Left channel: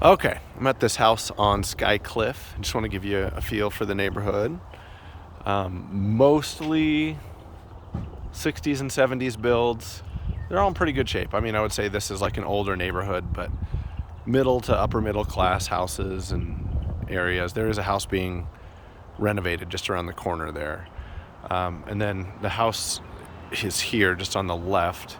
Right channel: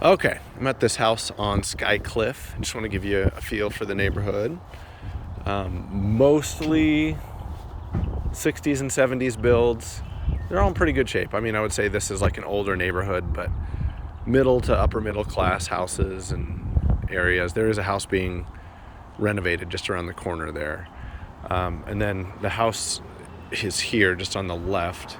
Okay, I'm at this house on Cliff. I just want to give you a feel for the neighborhood. Mostly 60s and 70s builds. They're all in pretty good shape. I mean, I would say this is like an older neighborhood, but middle to upper middle class houses and areas. There is a house being renovated just around the corner there. And then the house is here just on the left,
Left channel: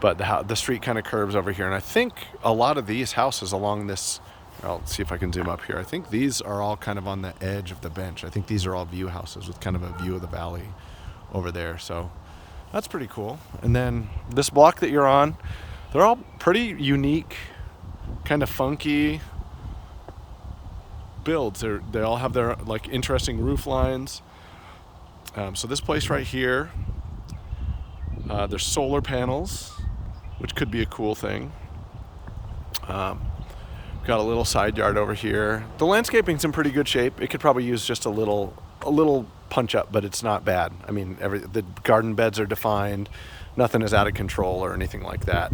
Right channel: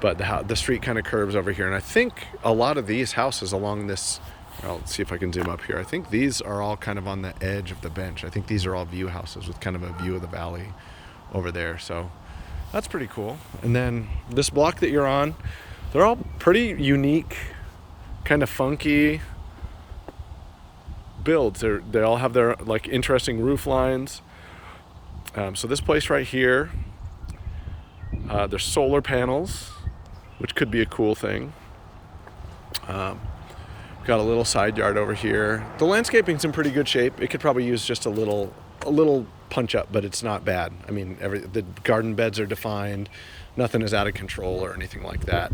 but the street kind of curves over here. And I think a lot of these houses along this, I'll see if I can zoom up here. I think these are all kind of on the edge of the bench. I think these are all view houses with kind of a view of the valley over there. So that's pretty cool. And then this block that you're on, they're all pretty unique, kind of funky builds. They all have their like interesting roof lines. So this place right here, there's solar panels, which could be a cool thing. We've got a little side yard over here. The landscaping's in pretty good shape. It could probably use just a little punch up, but it's not bad. I mean, the garden beds are defined. Nothing is out of control or anything like that.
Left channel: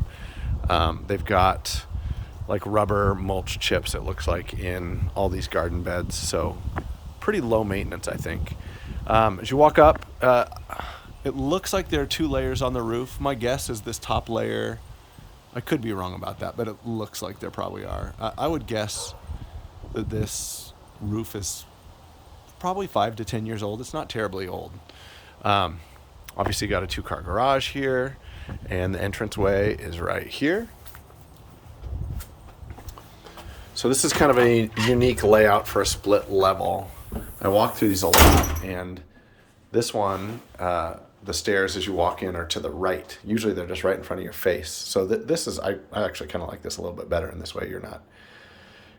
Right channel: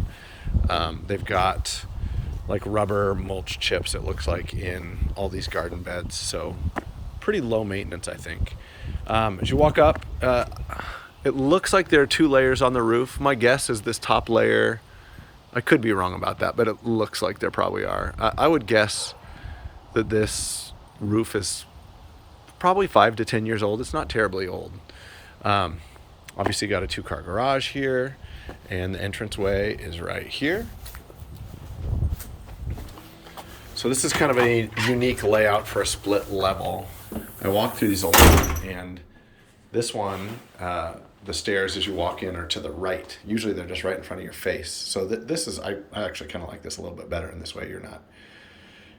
They've got like rubber mulch chips, it looks like, in all these garden beds. So pretty low maintenance, I think. As you walk up, it looks like there are 2 layers on the roof. My guess is this top layer, I could be wrong about that, but it looks like there probably are. I would guess that this roof is probably 5 to 10 years old. It's not terribly old. Obviously got a 2-car garage here, and the entranceway is right here. So this is kind of a unique layout for a split level. I walked through these a lot, and this one, the stairs as you walk in are to the right. Usually they're just right in front of your face. So this is, I actually kind of like this a little bit better in this way. You're not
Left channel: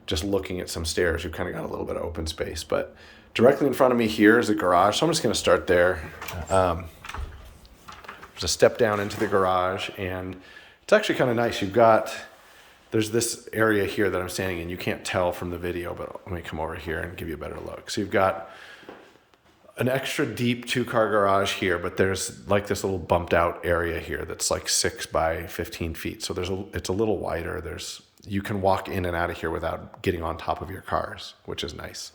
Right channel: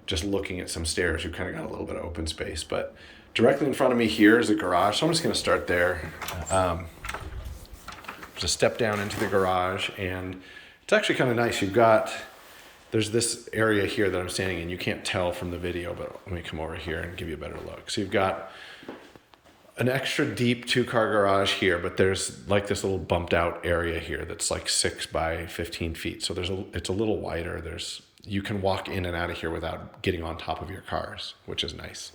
just looking at some stairs. You've kind of got a little bit of open space. But directly in front of me here is the garage. So I'm just going to start there. There's a step down into the garage, and it's actually kind of nice. There's this area here that I'm standing in. You can't tell from the video, but let me come over here and give you a better look. So you've got an extra deep 2-car garage here, but there's like this little bumped out area here that's like 6 by 15 feet. So it's a little wider. You can walk in and out of here without getting on top of your cars, which is nice.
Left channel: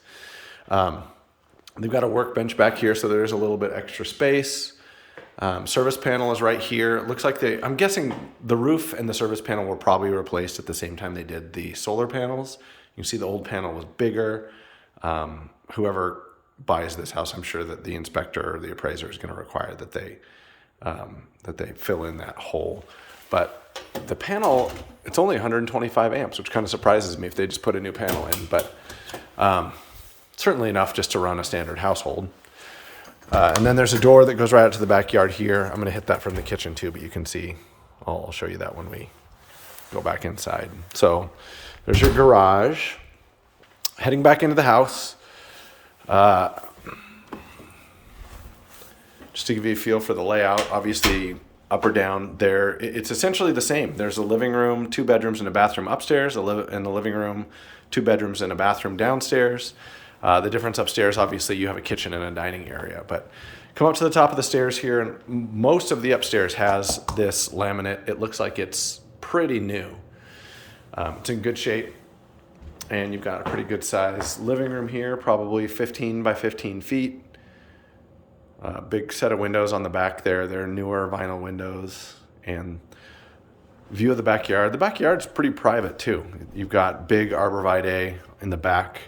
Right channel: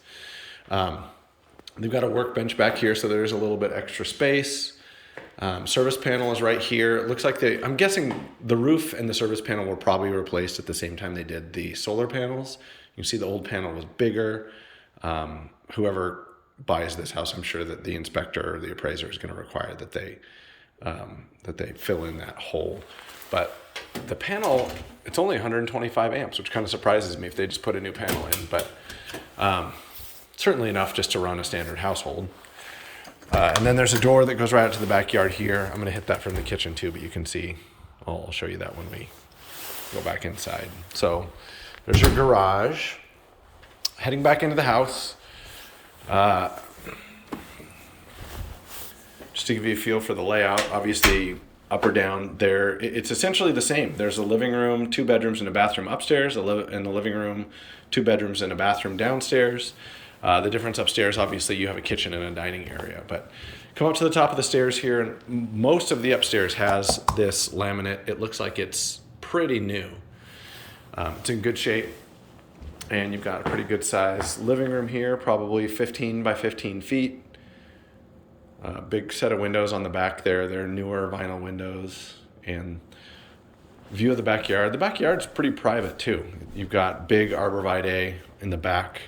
They've got a workbench back here, so there's a little bit extra space. Service panel is right here. It looks like I'm guessing the roof and the service panel were probably replaced at the same time they did the solar panels. You can see the old panel was bigger. Whoever buys this house, I'm sure that the inspector or the appraiser is going to require that they fill in that hole. But the panel, it's only 125 amps, which kind of surprises me if they just put a new panel in. But certainly enough just to run a standard household. And then there's a door that goes right out to the backyard here. I'm going to hit that from the kitchen too, but you can see, I'll show you that when we go back inside. So there's your garage. Heading back into the house. Just to give you a feel for the layout, obviously up or down there, it's essentially the same. There's a living room, 2 bedrooms and a bathroom upstairs, in the living room, 2 bedrooms and a bathroom downstairs. The difference upstairs, obviously, you have a kitchen and a dining area. But come up to the top of the stairs here, and most of the upstairs has this laminate. It looks like it's pretty new. It's in good shape, and you've got a pretty good size living room here, probably 15 by 15 feet. Big set of windows on the back there. They're newer vinyl windows, and view of the backyard. The backyard's pretty private, too. You've got big arborvitae in the back.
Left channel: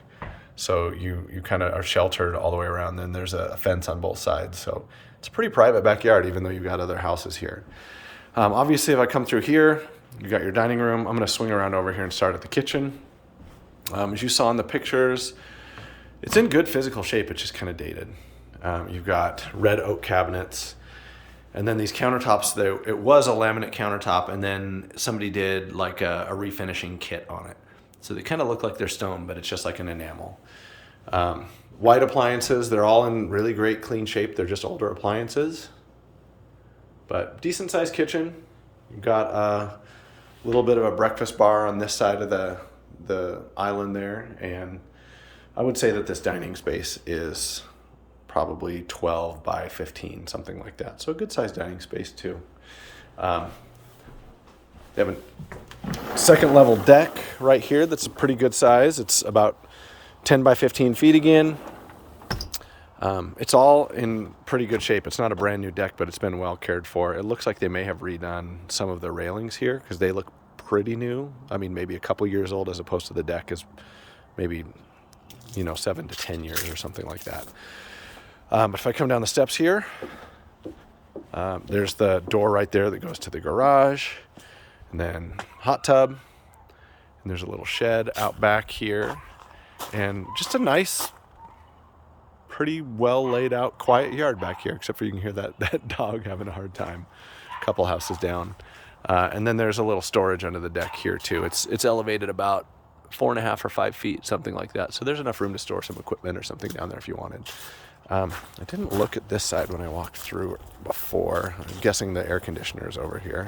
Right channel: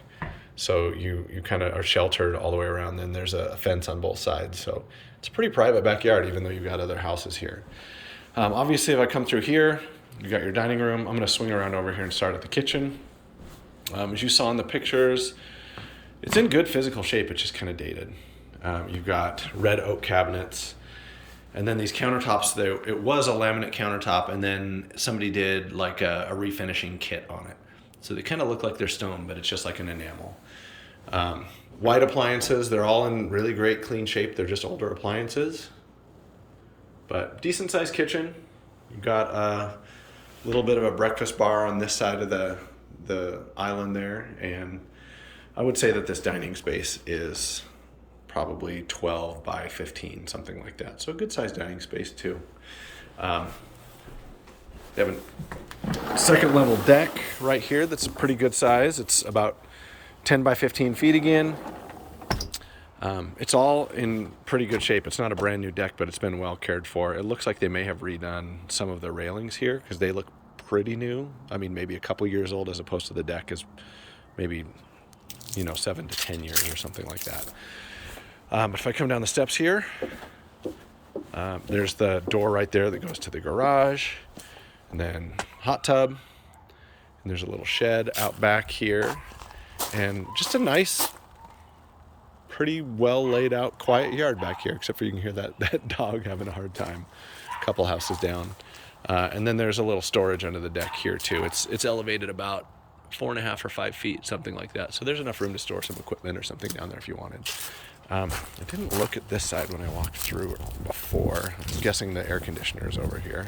So you kind of are sheltered all the way around. Then there's a fence on both sides. So it's a pretty private backyard, even though you've got other houses here. Obviously, if I come through here, you've got your dining room. I'm going to swing around over here and start at the kitchen. As you saw in the pictures, it's in good physical shape. It's just kind of dated. You've got red oak cabinets. And then these countertops, it was a laminate countertop, and then somebody did like a refinishing kit on it. So they kind of look like they're stone, but it's just like an enamel. White appliances, they're all in really great clean shape. They're just older appliances. But decent sized kitchen. You've got a little bit of a breakfast bar on this side of the island there. And I would say that this dining space is probably 12 by 15, something like that. So a good sized dining space too. They have a second level deck right here that's a pretty good size. It's about 10 by 15 feet again. It's all in pretty good shape. It's not a brand new deck, but it's been well cared for. It looks like they may have redone some of the railings here because they look pretty new. I mean, maybe a couple years old, as opposed to the deck is maybe, 7 to 10 years or something like that. But if I come down the steps here, there's the door right there that goes to the garage, and then hot tub, and there's a little shed out back here, and just a nice, pretty well laid out, quiet yard back here, except for you can hear that dog having a hard time a couple houses down. And then there's a little storage under the deck here too. It's elevated about 4.5 or 5 feet, something like that. So there's enough room to store some equipment or something down there if you wanted. I didn't look at this side when I walked through it before. I'm guessing the air conditioner is over here.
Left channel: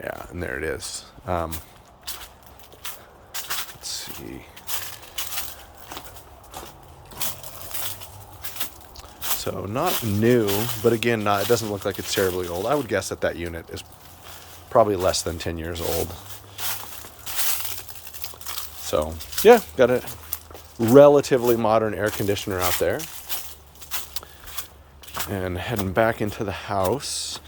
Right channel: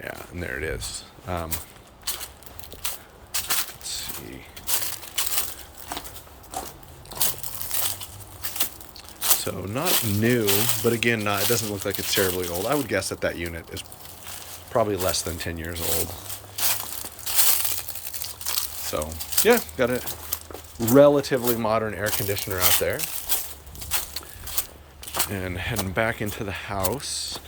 Yeah, and there it is. Let's see. So not new, but again, it doesn't look like it's terribly old. I would guess that unit is probably less than 10 years old. So yeah, got a relatively modern air conditioner out there. And heading back into the house.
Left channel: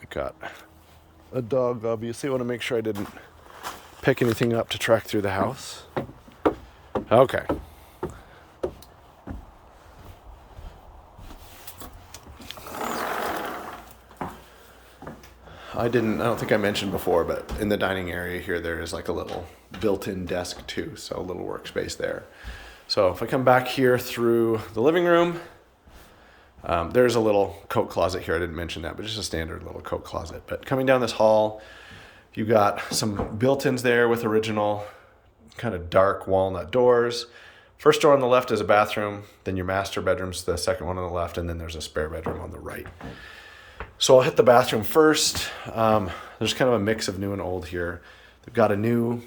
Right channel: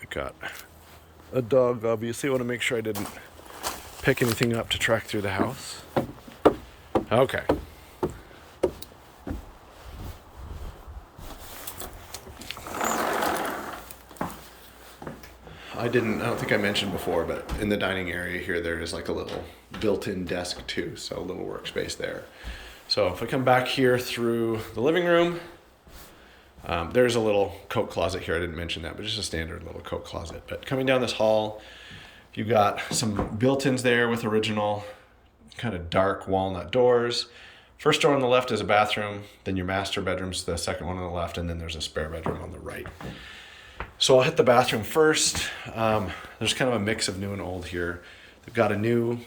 I got a dog, obviously. I want to make sure I didn't pick anything up to track through the house. Okay. I don't think I mentioned before, but in the dining area here, there is like a little built-in desk too, so a little workspace there. So if I come back here through the living room, there's a little coat closet here. I didn't mention that, but just a standard little coat closet. But coming down this hall, you got some built-ins there with original kind of dark walnut doors. First door on the left is a bathroom, then your master bedroom's the second one on the left, and then there's a spare bedroom on the right. So I'll hit the bathroom first. There's kind of a mix of new and old here. They've got some new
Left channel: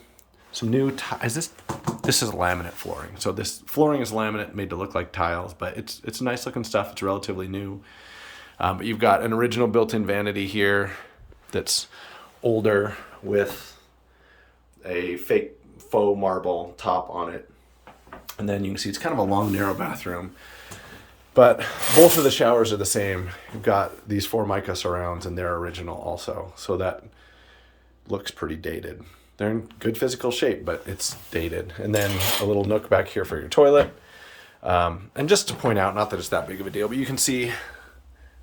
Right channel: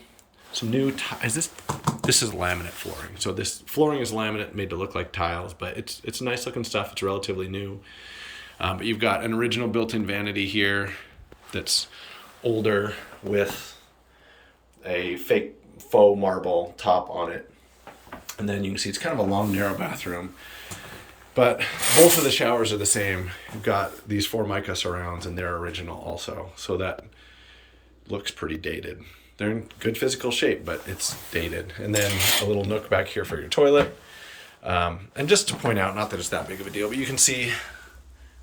this is laminate flooring. So this flooring is laminate, made to look like tiles, but it's nice looking stuff. It's relatively new. But you've got an original built-in vanity here that's older with a fake faux marble top on it. And then you can see it's kind of a long, narrow bathroom. But both of the showers are the same. You've got these Formica surrounds, and they're original also. So that looks pretty dated. They're in good physical shape, but it's dated. And then a little nook back here for your toilet. And just to point out, not that it's that big of a deal, but you can see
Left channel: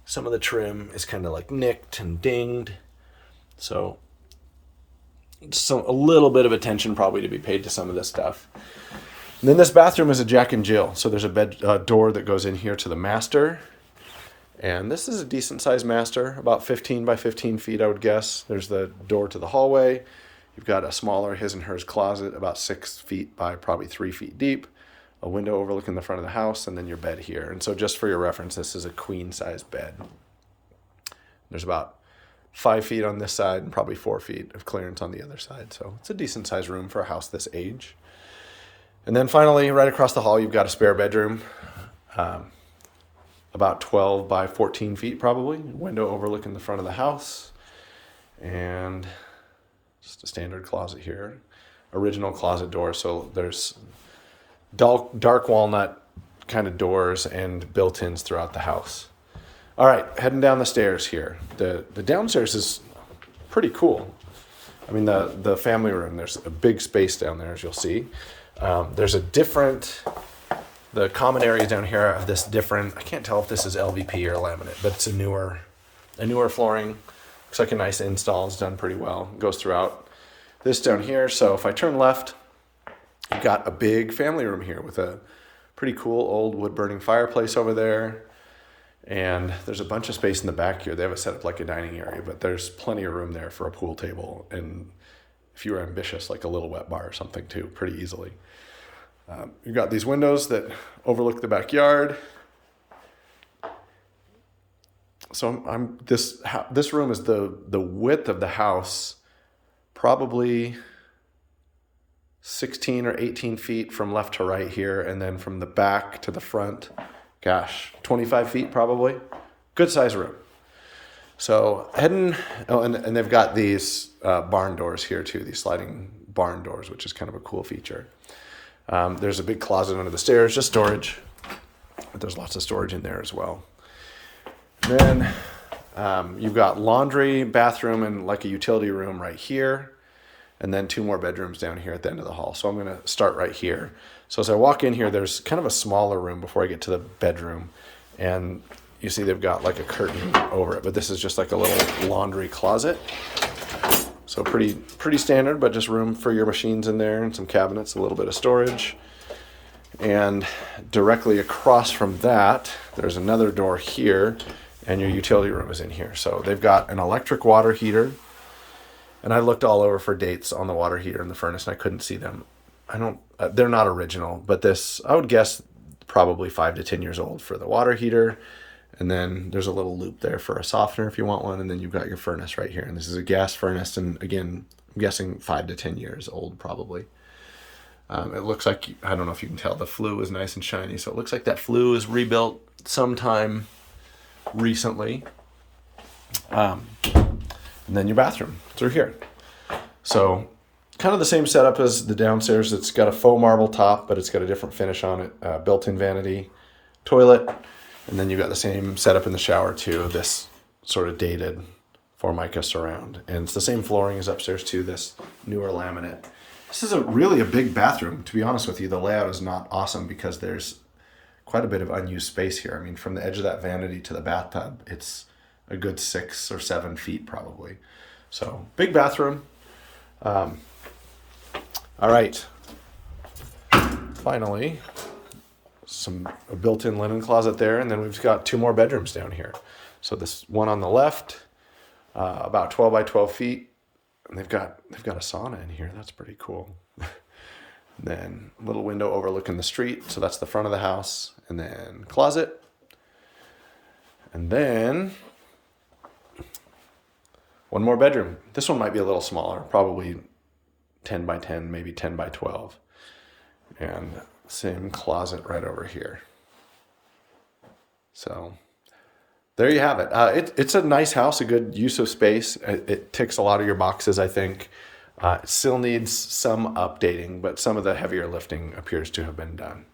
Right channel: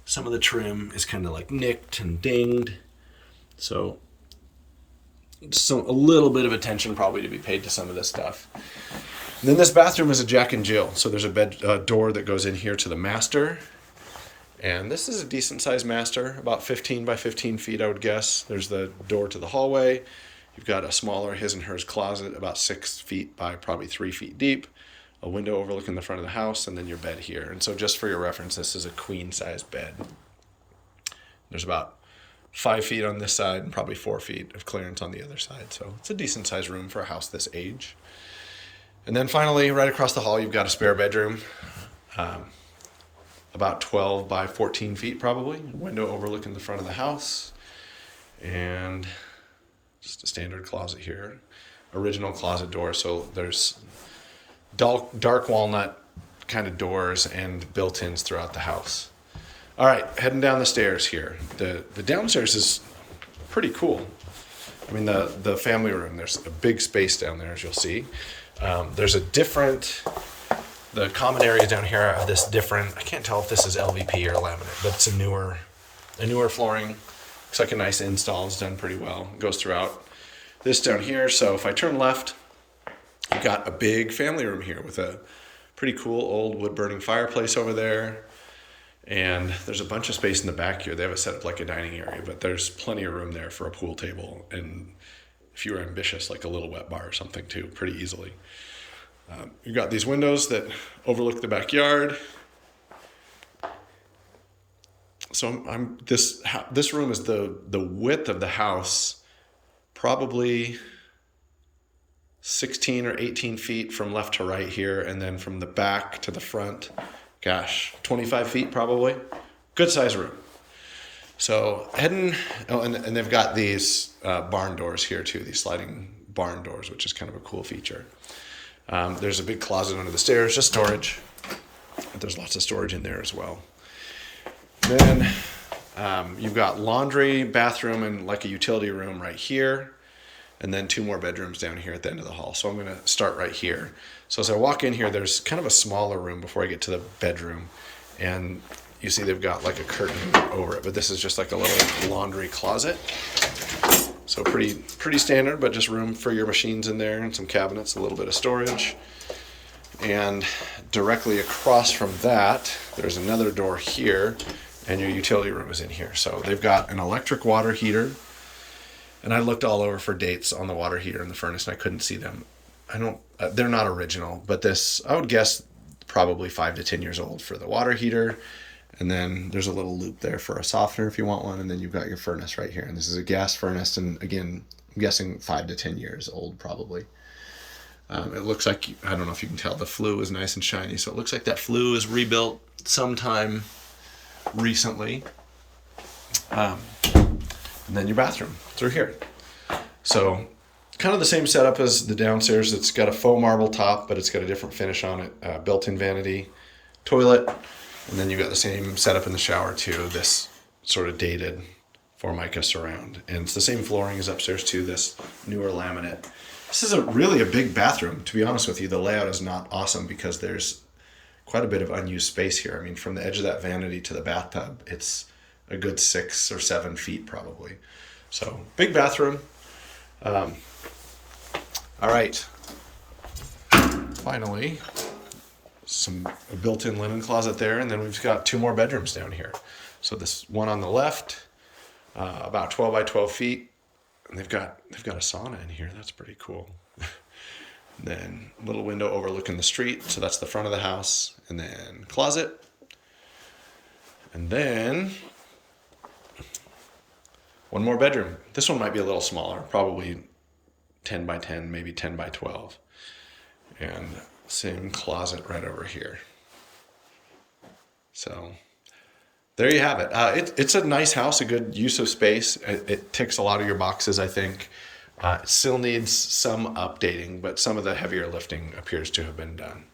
some of the trim is kind of like nicked and dinged. So a little bit of attention probably to be paid to some of this stuff. And then this bathroom is a Jack and Jill. So there's a door that goes in here to the master. And this is a decent sized master, about 15 by 15 feet, I would guess. There's the door to the hallway. You've got a smaller his and hers closet, about 6 feet by probably 3 feet deep. A window overlooking the front of the house, and then your bed here. And so just for your reference, this is a queen size bed. There's about 5 feet on this side and probably 4 feet of clearance on the other side. So it's a decent sized room for a house this age. And then finally, right across the hall, you've got a spare bedroom, about 12 by 14 feet probably. Window overlooking the front of the house. And just a standard closet here. Original closet door, so there's dark walnut kind of doors and built-ins throughout the house. All right, heading down the stairs here. The downstairs is pretty cool. I mean, the family room, there's a big space down there, as you'll see. There's the common areas down here have this different, I can't tell if this is LVP or laminate, but it's a newer flooring. Looks like a nice install. It's done pretty well. It goes throughout this down here. So if I turn left, you've got a big family room here with a pretty cool old wood-burning fireplace over there. And there's a bunch of space in the back here. They have it set up like a dining area, but there's plenty of room there for a pool table. And if you were ambitious, like a little wet bar or something too, pretty easily. You've got these windows that overlook the backyard. So this room is the width of the house, probably 16 or 18 feet from left to right here, and then from the back to the front, gosh, 25 feet probably. Good size room. So heading, and they've got these barn doors here too, these sliding barn doors, which is kind of a cool feature. There's a big closet under the stairs, just storage. But there's lots of storage in there as well. Then you've got laundry, bathroom, and like a utility room right here. And then 2 more bedrooms down here at the end of the hall. So I'm going to start right here. So as I walk in here, there's kind of a smaller room before I get to the bedroom. And you see they've got like a curtain over it. But this is just like a little laundry closet. So pretty standard, but just room for your machines in there and some cabinets, a little bit of storage. And directly across from that, there's another door here, and your utility room is in here. So they've got an electric water heater, and I looked all over for dates on the water heater and the furnace, and I couldn't see them. They're not original, but this, I would guess, probably 5 to 10 years old for the water heater. And then there's a little loop there for a softener if you want one, and then you've got your furnace right here. And this is a gas furnace, and again, I'm guessing 5 to 10 years old probably. It looks like, I don't know if you can tell, the flue is nice and shiny. So it looks like that flue is rebuilt sometime recently. And then your bathroom through here. So kind of the same setup as the downstairs. It's got a faux marble top, but it's got a different finish on it. Built-in vanity, toilet. And then you got the same setup in the shower too. This sort of dated Formica surround. And it's the same flooring as upstairs too, this newer laminate. This is really a big bathroom, to be honest with you. The layout is not awesome because there's quite a bit of unused space here. I mean, from the edge of that vanity to the bathtub, it's a good 6 or 7 feet probably. So big bathroom. All right. Finally, a built-in linen closet there, and then we've got 2 more bedrooms down here. So this one on the left, about 12 by 12 feet. And they've got a sauna in here. That's pretty cool. Then little window overlooking the street. So that's the front of the house. And then closet. And then 1 more bedroom. This one might be a little smaller, probably 10 by 10, maybe 10 by 12. And same closet right over here. So there you have it. It's a nice house, a good use of space. It ticks a lot of your boxes, I think. It still needs some updating, but some of the heavier lifting appears to have been done.